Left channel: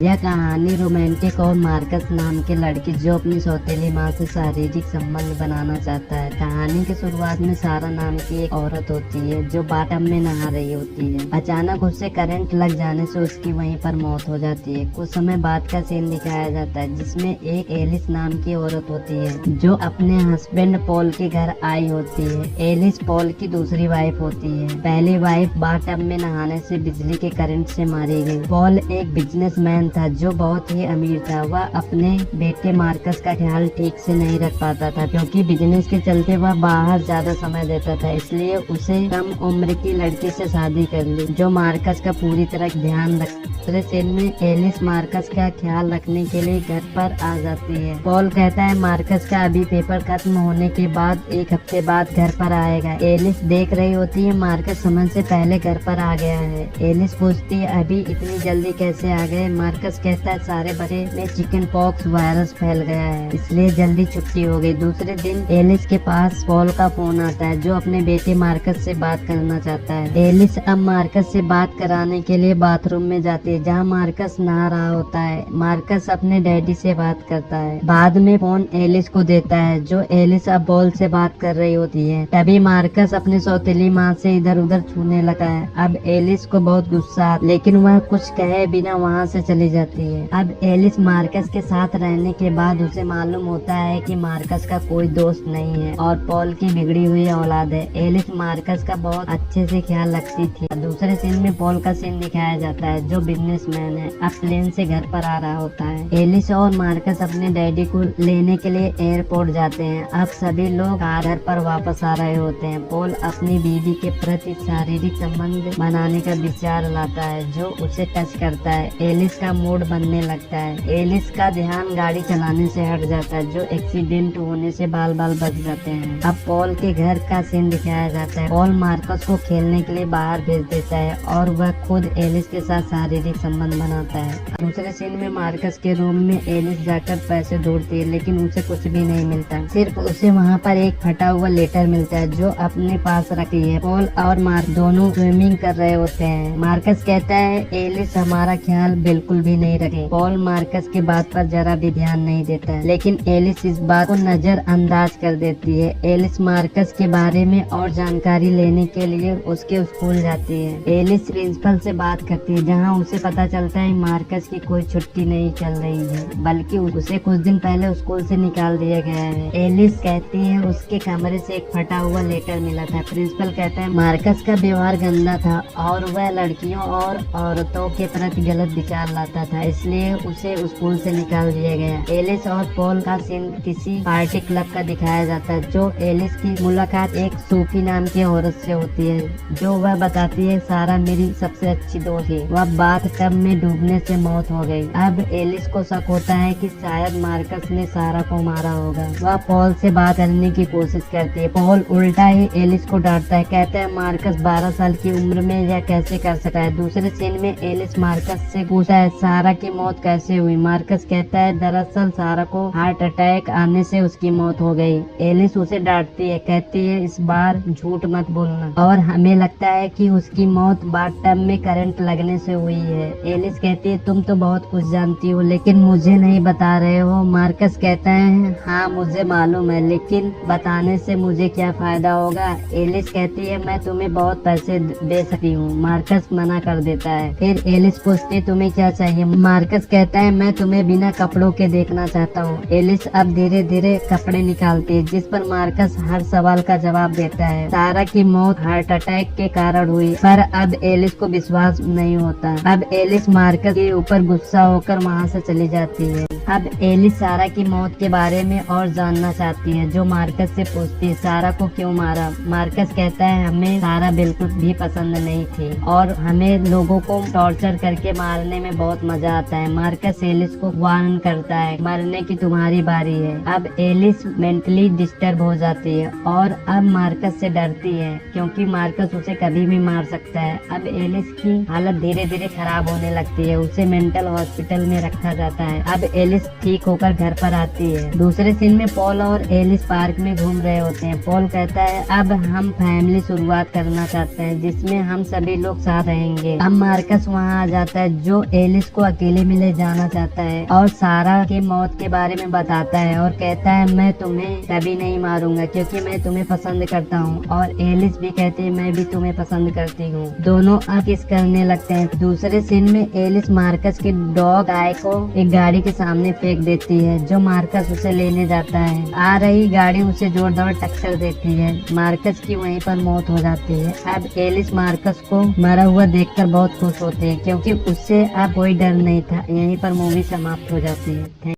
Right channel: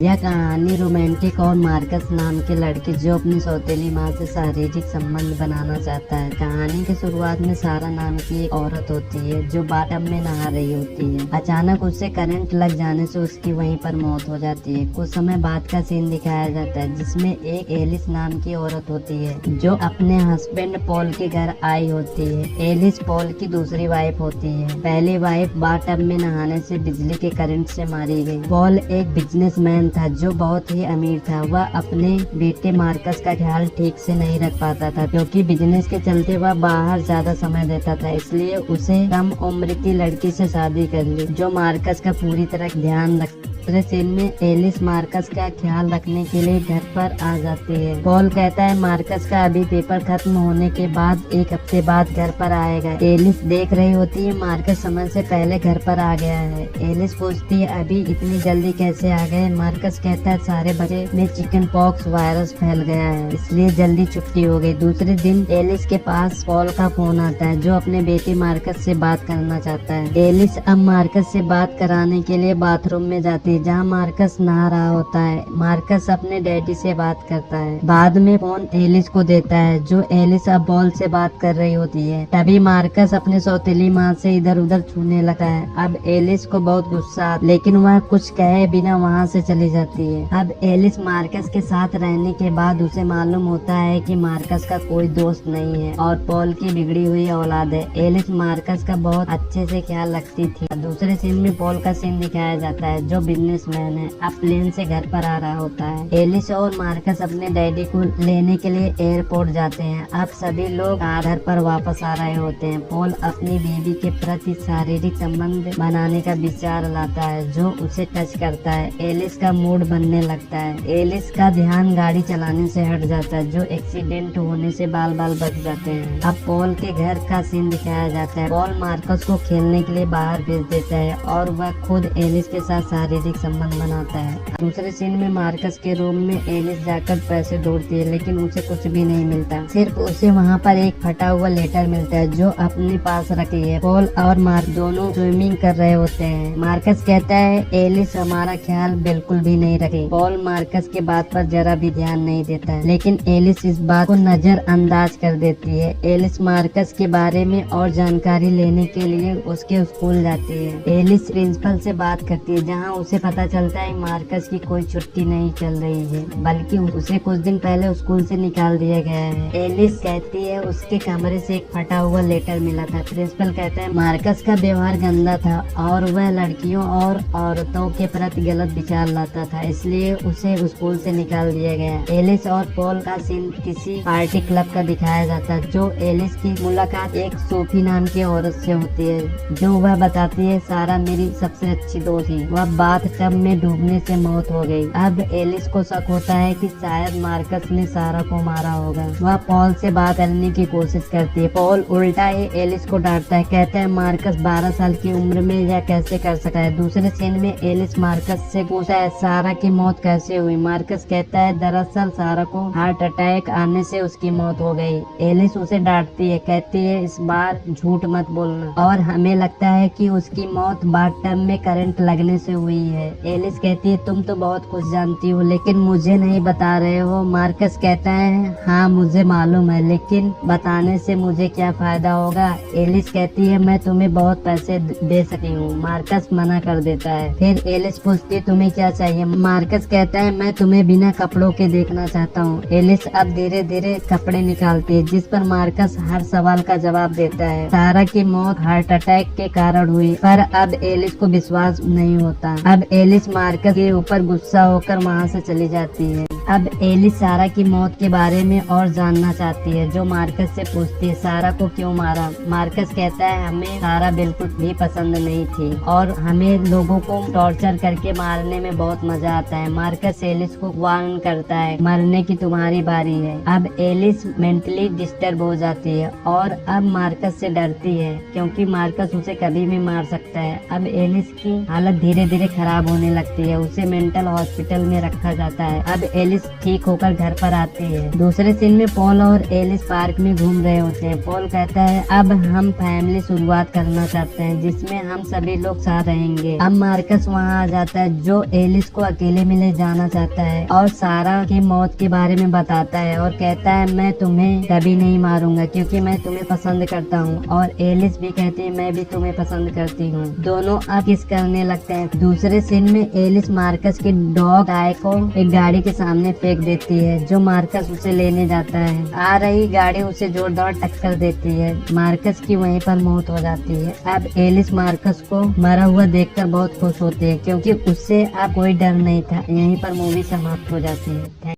यह कहानी रोमांटिक और मार्कस नाम के लड़की जो अपनी सौतेली माँ से शारीरिक संबंध बनाना चाहता है। कहानी की शुरुआत में सारा नाम की एक औरत होती है जो बाथटब में नहा रही होती है। अचानक उससे करंट लग जाने से उसकी वहीं पर मौत हो जाती है। कुछ समय बाद का सीन दिखाया जाता है जिसमें एक एलिस नाम की औरत होती है जो अपने हस्बैंड पॉल के घर आई होती है। एलिस पॉल की दूसरी वाइफ होती है। पहली वाइफ बाथटब में नहाने से बिजली के करंट से मारी गई। पॉल एक बिजनेसमैन था जो बहुत ही अमीर था। वह अपने बेटे मार्कस का ख्याल ठीक से नहीं रख पाता था क्योंकि बिजनेस के चलते वह बाहर ज्यादा समय देता था, इसलिए उसे कम उम्र की लड़की से शादी कर ली जो मार्कस का पूरी तरह ध्यान रख। दूसरे सीन में एलिस मार्कस का ख्याल रखने के लिए घर पर आ जाती है। पॉल कहता है मार्कस का अभी पेपर खत्म होने के बाद एक हफ्ते बाद घर पर आएगा। एलिस देख रही होती है मार्कस समय से पहले घर पर आ गया है। एलिस पूछती है अभी इतनी जल्दी कैसे आ गए। मार्कस कहता है सारे बच्चे में चिकन पॉक्स वायरस फैल गया है इसलिए जल्दी छुट्टी हो गई। दूसरे दिन एलिस के पास पॉल का फोन आता है जो अपने बेटे मार्कस से बात करना चाहता है। एलिस अब मार्कस से बात कराने के लिए बाथरूम में जाती है जहाँ मार्कस नहा रहा होता है। मार्कस अपने डैडी से बात करता है। बाद में फोन एलिस को देता है जो एलिस अब पॉल से बात कर रही होती है। तभी मार्कस अपनी सौतेली माँ से इधर उधर छूने लगता है। अब एलिस को बहुत गुस्सा आता है लेकिन वह कुछ कहे बिना वहाँ से चली जाती है। अब एलिस मार्कस के साथ रहने के बाद उसे मालूम होता है कि मार्कस का कोई दोस्त नहीं है और पॉल की बिगड़ी हुई औलाद है। एलिस मार्कस का बहुत अच्छे से ख्याल रखती थी। दूसरे सीन में पॉल का सीन दिखाया जाता है जो बिजनेसमैन है। अब प्लेन से घर पर आ रहा होता है। एलिस और मार्कस अपने डैडी को लेने के लिए एयरपोर्ट जाते हैं। अब सभी लोग घर पर वापस आ रहे होते हैं। पॉल अपनी बीवी के प्रति शारीरिक संबंध बनाने का विचार लाता है जो उसे टच करता है। एलिस का मूड बनने लगता है। एलिस का ध्यान गाड़ी चलाने से हट जाता है जो एक्सीडेंट होने से बाल बाल बच जाते हैं। अब पॉल के घर का सीन दिखाया जाता है। पॉल मार्कस को खेलने के लिए बाहर भेज देता है और वह खुद एलिस के साथ शारीरिक संबंध बनाता है। दूसरे सीन में मार्कस के रूम में एलिस जाकर पैसे ढूंढती है लेकिन उसे कुछ भी नहीं मिलता। सिर्फ उसे वहाँ पर एक फटा हुआ लेटर मिलता है जो अपने पास रखी है। पॉल और मार्क दोनों स्विमिंग कर रहे होते हैं। मार्कस कहता है एलिस हमारा ख्याल बिल्कुल भी नहीं रखे। पॉल मार्कस के बात पर जरा भी ध्यान नहीं देता है लेकिन एलिस इस बात को नजरअंदाज कर देती है। एलिस मार्कस के बारे में और जानकारी लेने के लिए उसके स्कूल जाती है। एलिस प्रिंसिपल से बात करती है जहां उसे पता चलता है मार्कस की कोई छुट्टी नहीं चल रही है बल्कि उसे कुछ दिन पहले स्कूल से निकाल दिया गया है। एलिस कहती है उसके कमरे से एक फटा हुआ लेटर मिला था। प्रिंसिपल कहता है मार्कस का व्यवहार गंदा था और वह लड़कियों और औरतों के प्रति गलत विचार लाता था इसलिए उसे स्कूल से निकाल दिया गया। एलिस और पॉल का सीन किसी पार्टी क्लब का दिखाया जाता है जो एलिस की मुलाकात एक सोफी नाम की औरत से होती है जो वह बताती है सारा मेरी सबसे अच्छी दोस्त है। वह बाथटब में डूबने से मौत हो गई। अब एलिस को शक होता है कि शायद मार्कस ने सारा को मारा होगा। वह पॉल से बात करने की कोशिश करती है। पॉल उल्टा ही एलिस को डांटता है, कहता है मार्कस 12 साल की उम्र में यह कैसे कर सका है। दूसरे सीन में एलिस मार्कस से पूछता है सारा की मौत कैसे हुई। मार्कस कहता है दरअसल सारा को हार्ट अटैक आने से उसकी मौत हो गई। एलिस उसे डांटती है, कहती है इस बार झूठ मत बोलना और हमें लगता है कि उसकी मौत बाथटब में करंट लगने से हुई है। एलिस कहती है तुम तो बहुत कुछ जानती हो लेकिन मुझे नहीं बता रहे हो। मार्कस कहता है हाँ मुझे मालूम है लेकिन बताने से मुझे क्या फायदा होगा। एलिस कहती है मैं तुम्हें बहुत पैसे दे सकती हूँ। मार्कस मना कर देता है। फिर एलिस पूछती है तुम्हें क्या चाहिए। मार्कस कहता है मैं तुम्हें बिना कपड़ों के देखना चाहता हूँ। एलिस अब धीरे धीरे कपड़े निकालती है जिस पर मार्कस हर सवाल का जवाब देता है। सारा की मौत हार्ट अटैक के कारण हुई पर अब एलिस को विश्वास नहीं होता। अब एलिस मार्कस के ऊपर गुस्सा होकर वहाँ से चली जाती है। अब एलिस सारा की मौत के बारे में और जानना चाहती है जो मार्कस से पूछती है सारा को क्यों मारा। मार्कस कहता है हमें सारा बिल्कुल भी पसंद नहीं थी और हमें लोगों को टॉर्चर करके मारने में बहुत मजा आता है। मार्कस एलिस को वार्न करता है मरने की तुम्हारी बारी है। अब एलिस मेंटली डिस्टर्ब हो जाती है और अब मार्कस से डरती है क्योंकि मार्कस उसे कभी भी मार सकता है। अब एलिस की हालत धीरे धीरे खराब होने लगती है। उसे मेंटल हॉस्पिटल में रखा जाता है। अब एलिस ठीक होकर घर पर आती है। दूसरे सीन में पॉल और एलिस पार्क में घूम रहे होते हैं। पॉल कहता है अब हम फैमिली शुरुआत करना चाहते हैं जिसमें हम सभी लोग साथ रहेंगे। अब मार्कस वहाँ आ जाता है जो एलिस को अकेले में ले जाना चाहता है और सारा की मौत के बारे में बताता है और कहता है मैं तुम्हें कभी नहीं मारूंगा क्योंकि मैं तुम्हें पसंद करता हूँ। और एलिस भी कहती है मैं भी तुम्हें पसंद करती हूँ। दोनों अब किस करने लगते हैं। दूसरे सीन में एलिस मार्कस के डॉग गाय को एक गाड़ी के सामने फेंक देती है जो मार्कस उसे लेने जाता है। आ रही गाड़ी उसे जोरदार टक्कर देती है। मार्कस की वहीं पर मौत हो जाती है। अब एलिस मार्कस को मरा हुआ देखकर बहुत खुश होती है क्योंकि उससे अब कोई डर नहीं था। यहीं पर मूवी समाप्त हो जाती है।